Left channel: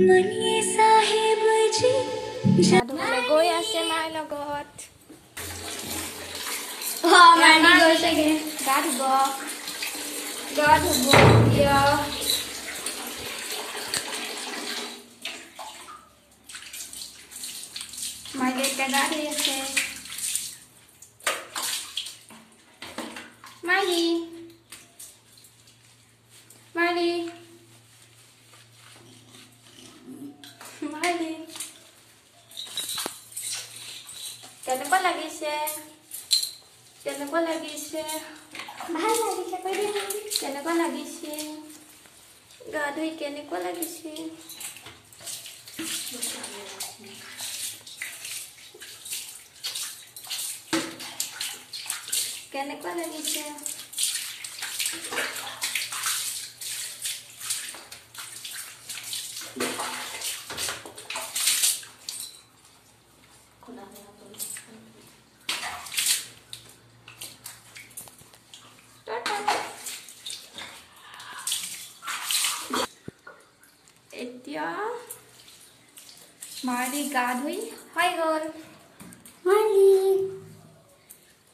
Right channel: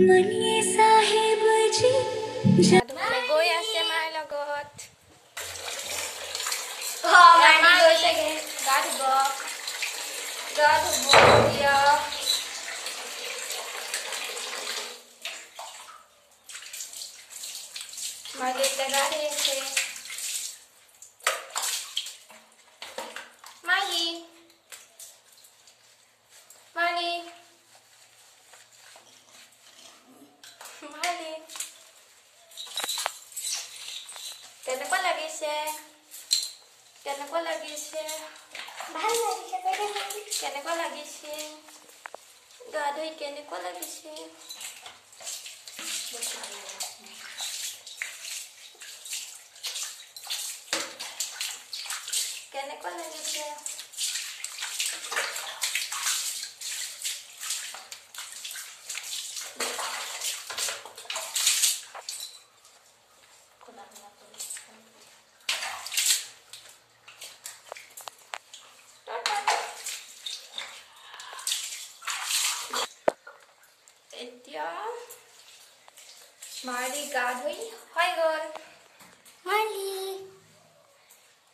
मनिए साहेब जी जादूले गई आसे मार लगत मानी গৈছে गे गা ধুব দিয়া माले गা ধুই আছে माली माली माली কেনেকুৱা লাগিছে কেনেকুৱা লাগিছে ভাল লাগিছে কই দে কেনেকুৱা লাগিছে গা ধুই কেনেকুৱা লাগিছে কেনেকুৱা লাগিছে এতিয়া মাৰি গা ধুই হৈ গল মালি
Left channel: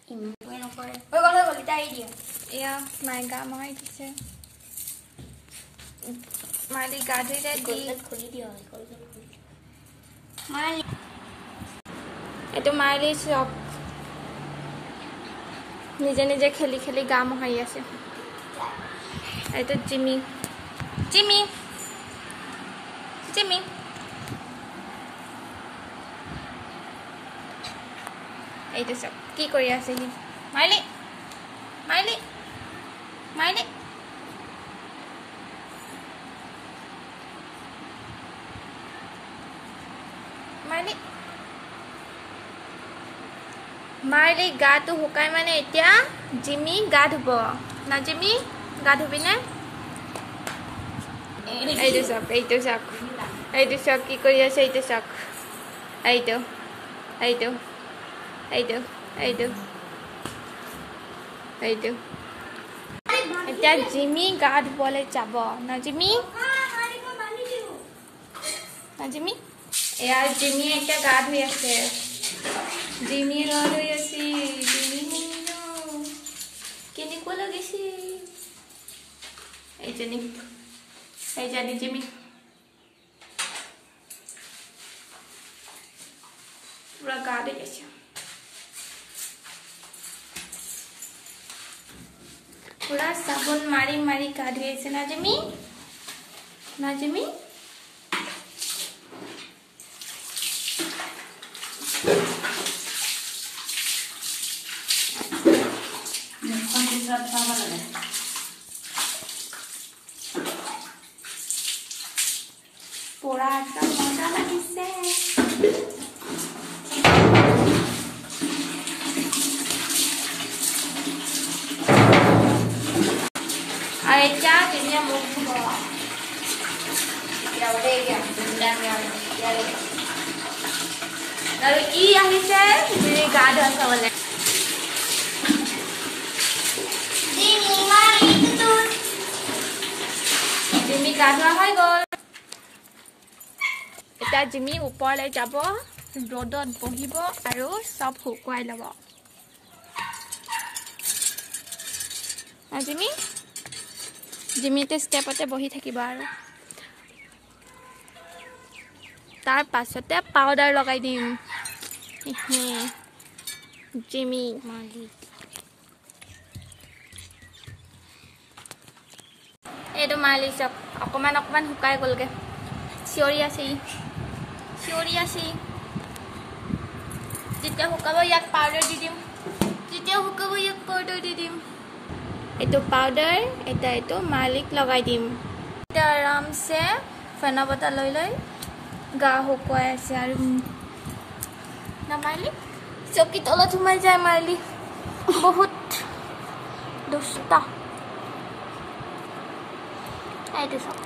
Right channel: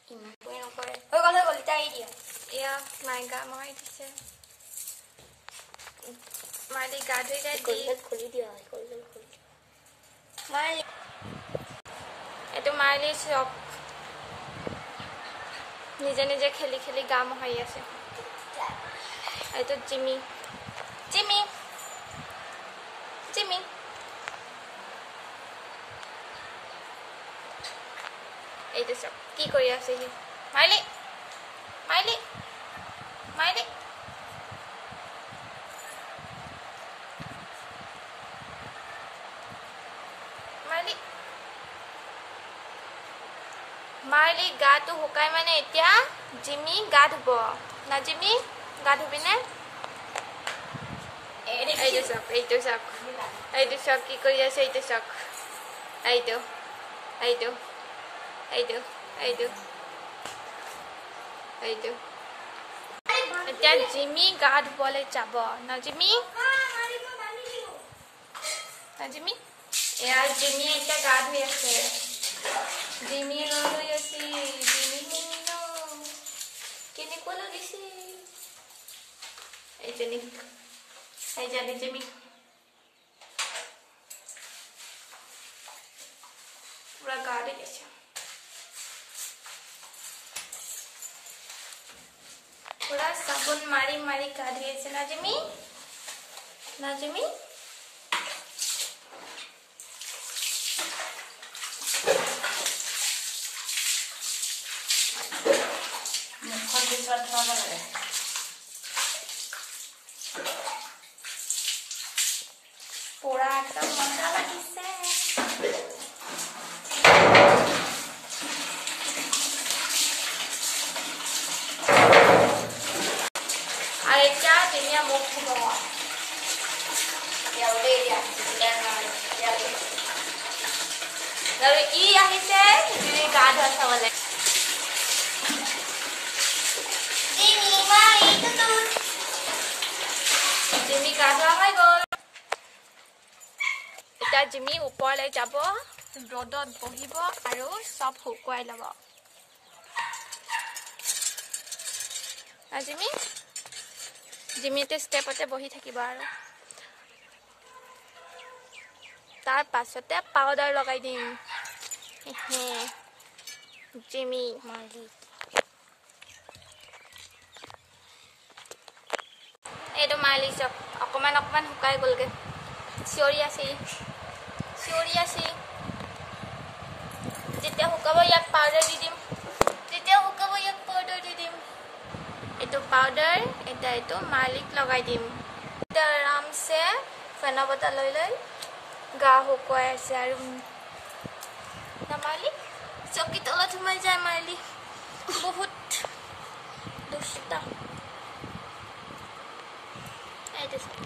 ইমান নকৰে হৈ গল তাই দিয়া এয়া মাই গা মহাই দিছে মাৰি গা ধুই দি খুলি দিয়া মাৰি এইটো মাৰি চক নিজে নিজে খেলি খেলি গা মহাই আছে এইটো জিমি জিমি জিমি এইটো চব কি কৰি আছে সি মাইলি মাইলি মাইলি মাইলি মাইলি গাটো শুকাই মানে এতিয়া জিমি গা ধুব না জিমি গা ধুবি নে এইটো চক এইটো চক এইটো চক কি কৰি আছে এইটো চক এইটো এইটো এইটো এইটো এইটো এতিয়া জিমি গা ধুবলৈ যাব না জিমি না জিমি এয়া জিমি এতিয়া গা ধুই আছে জিমি গা ধুই আছে জিমি কেনেকুৱা লাগিছে এইজনী জিমি পুৰা গা ধুই আছে पूरा साबुन मारी मारी गা ধুই আছে না জিমি पूरा एकदम मजा লাগিছে Aja jadinya mau bawa. Ya udah ya, jangan ya. Lalu iya hise, jadi garden sawale. Jimmy mali itu tuh Jimmy garden hoy gol. Eta Jimmy upale jabo, rodot bohibo aru sob hukwai labo. Na Jimmy জিমিতে স্টেপতে বহি থাকিব আৰু তাৰ পাছতে powder লগাই দিম Jimmy মালি এইটো মালি চক অকমান অকমান শুকাই গলগে চিঞৰি আছে যেতিয়া শুকাব ইয়াক পাউডাৰ দি দিম এইটো পাউডাৰ এটা এইটো মালিক লগাই দিম এটা আৰাম সে ফেনা বতা লৈ লৈ গা শুকুৱাই আছে আৰু না মালিক চকি তলত সোমাই যায় মালিক বহুত দুষ্টা এইটো সব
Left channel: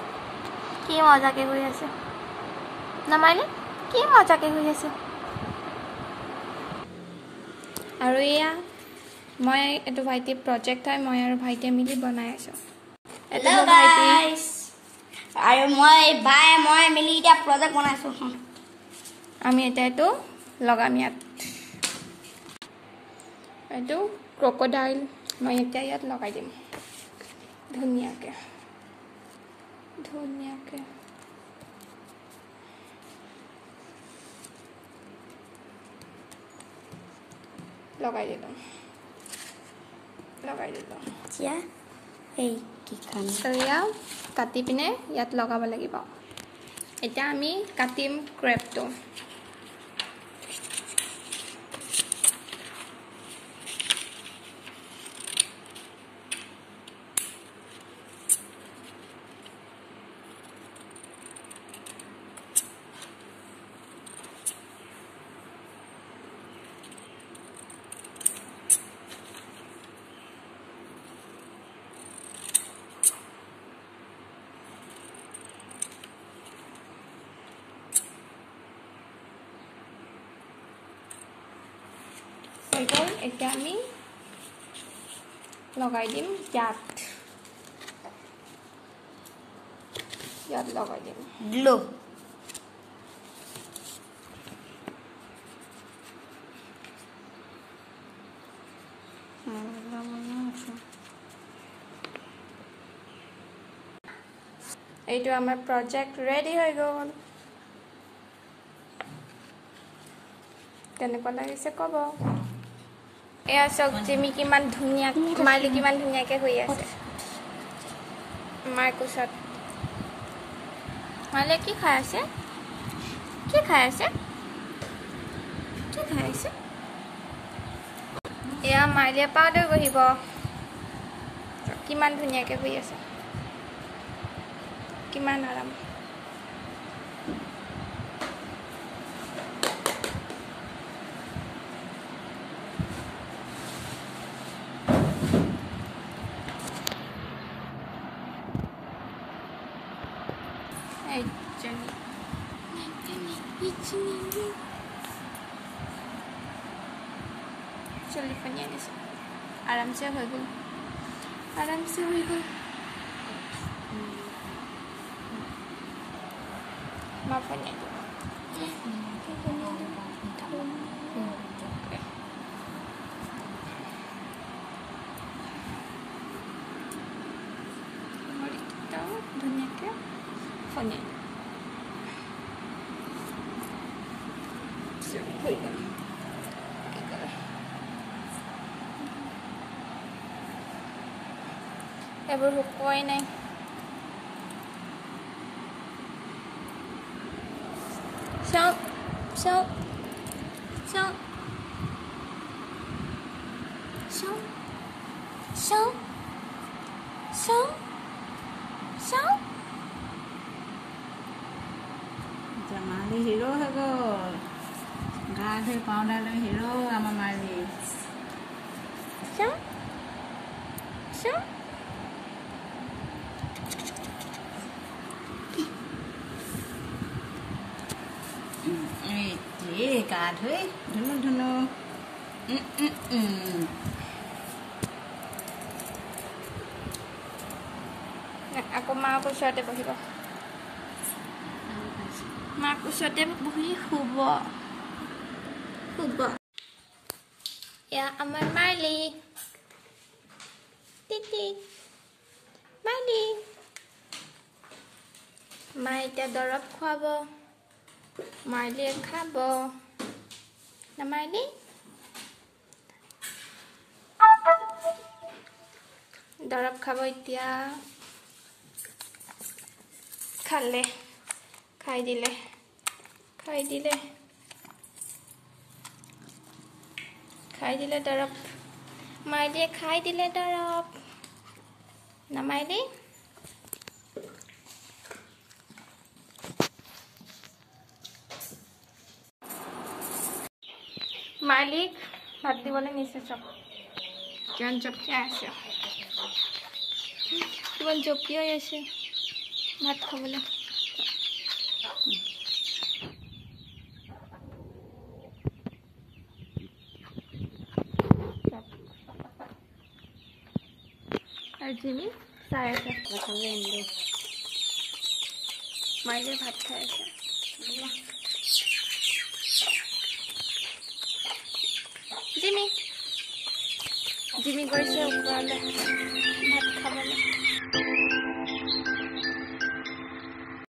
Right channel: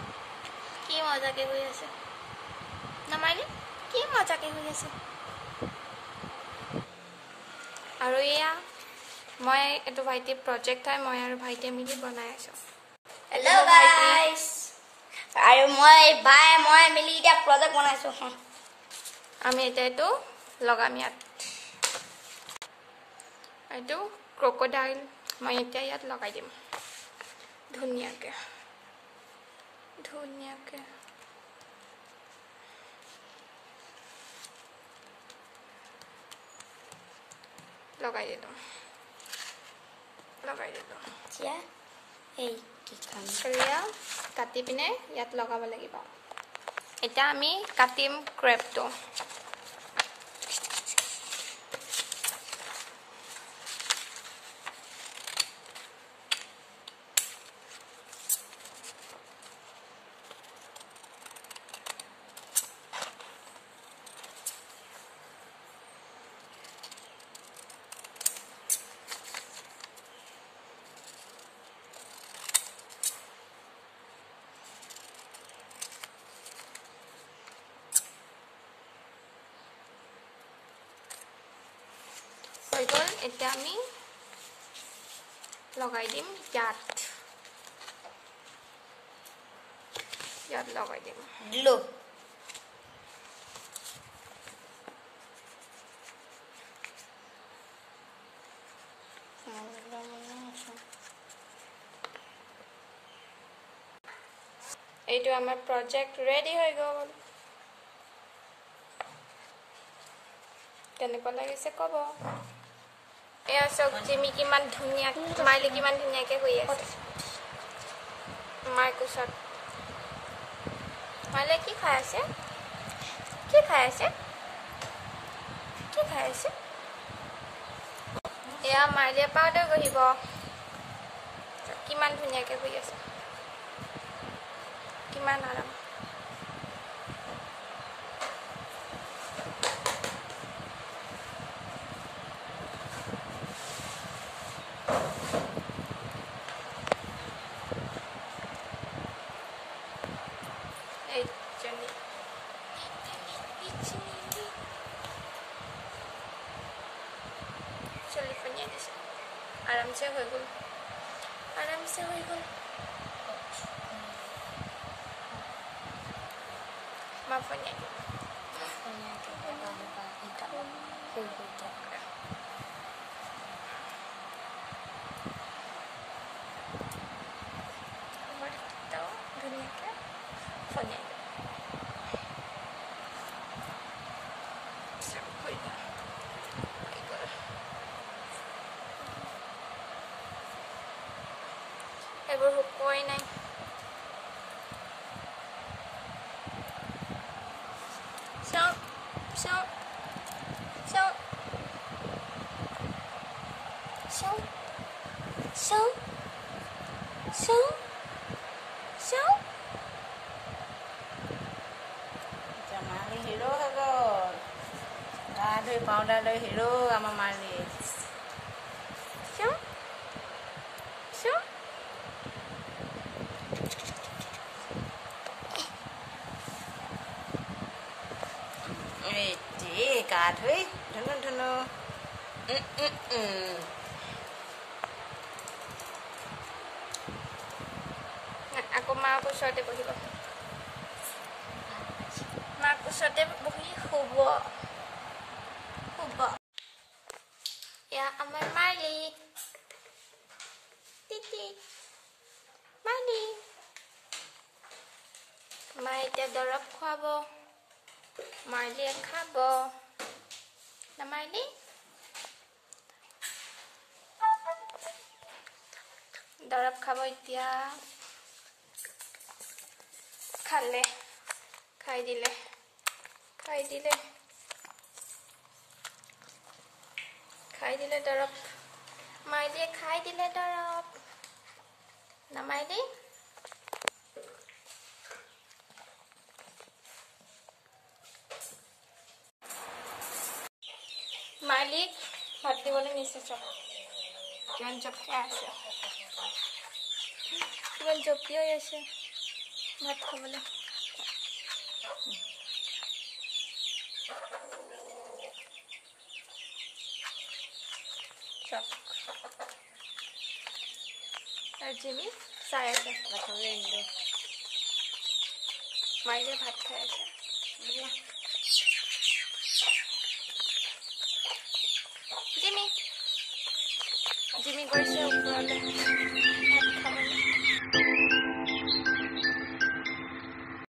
কি মজাকে হৈ আছে না মালিক কি মজাকে হৈ আছে আৰু এয়া মই এটো ভাইটি প্ৰজেক্ট হয় মই আৰু ভাইটি মিলি বনাই আছো Hello guys আৰু মই ভাই মই মিলি এটা প্ৰজেক্ট বনাইছো আমি এটা এইটো লগাম ইয়াত এইটো ক্ৰকডাইল মই এতিয়া ইয়াত লগাই দিম ধুনীয়াকৈ ধুনীয়াকৈ লগাই দিলোঁ এতিয়া এই কি কাম এয়া কাটি পিনে ইয়াত লগাব লাগিব এতিয়া আমি কাটিম ক্ৰেপটো হৈ গ'ল এতিয়া আমি লগাই দিম ইয়াত লগাই দিম দিলো এইটো আমাৰ প্ৰজেক্ট ৰেডি হৈ গ'ল কেনেকুৱা লাগিছে ক'ব এয়া চাওক জিমি কিমান ধুনীয়া মাইলি কিমান ধুনীয়াকৈ হৈ আছে মাৰ কোচত মাইলে কি খাই আছে এয়া মাইলে পাউডাৰ গঢ়িব কিমান ধুনীয়াকৈ হৈ আছে কিমান আৰাম चलिए पनिया जैसे आराम से हो गई माँ पनिया धुनिया के पनिया এবোৰ শুকুৱাই নাই চাও চাও চাও চাও চাও চাও চাও মালি হিৰো হৈ গ'ল গা ধুই পাউডাৰ লৈ হিৰো আমাৰ মালি চাও চাও গা ধুই ধুনু আকৌ মাৰ ওচৰতে বহিব মাৰ ওচৰতে বহি শুব এয়া আমাৰ মাইলি টিটি মাইলি মায়ে এতিয়া দৰৱ খুৱাব মাইলিয়ে খাব না মাইলি দৰৱ খাব এতিয়া খাই দিলে দৰৱ মাইলিয়ে খাই দিলে দৰৱ না মাইলি মালিক ভাত দিবলৈ নিছে চব কিমান জপিয়াই আছে কিমান জপিয়াই আছে ভাত খাবলৈ আৰু জিমি চাই আছে মাইলে ভাত খাই আছে জিমি গৈছে ওপৰলৈ ভাত খাব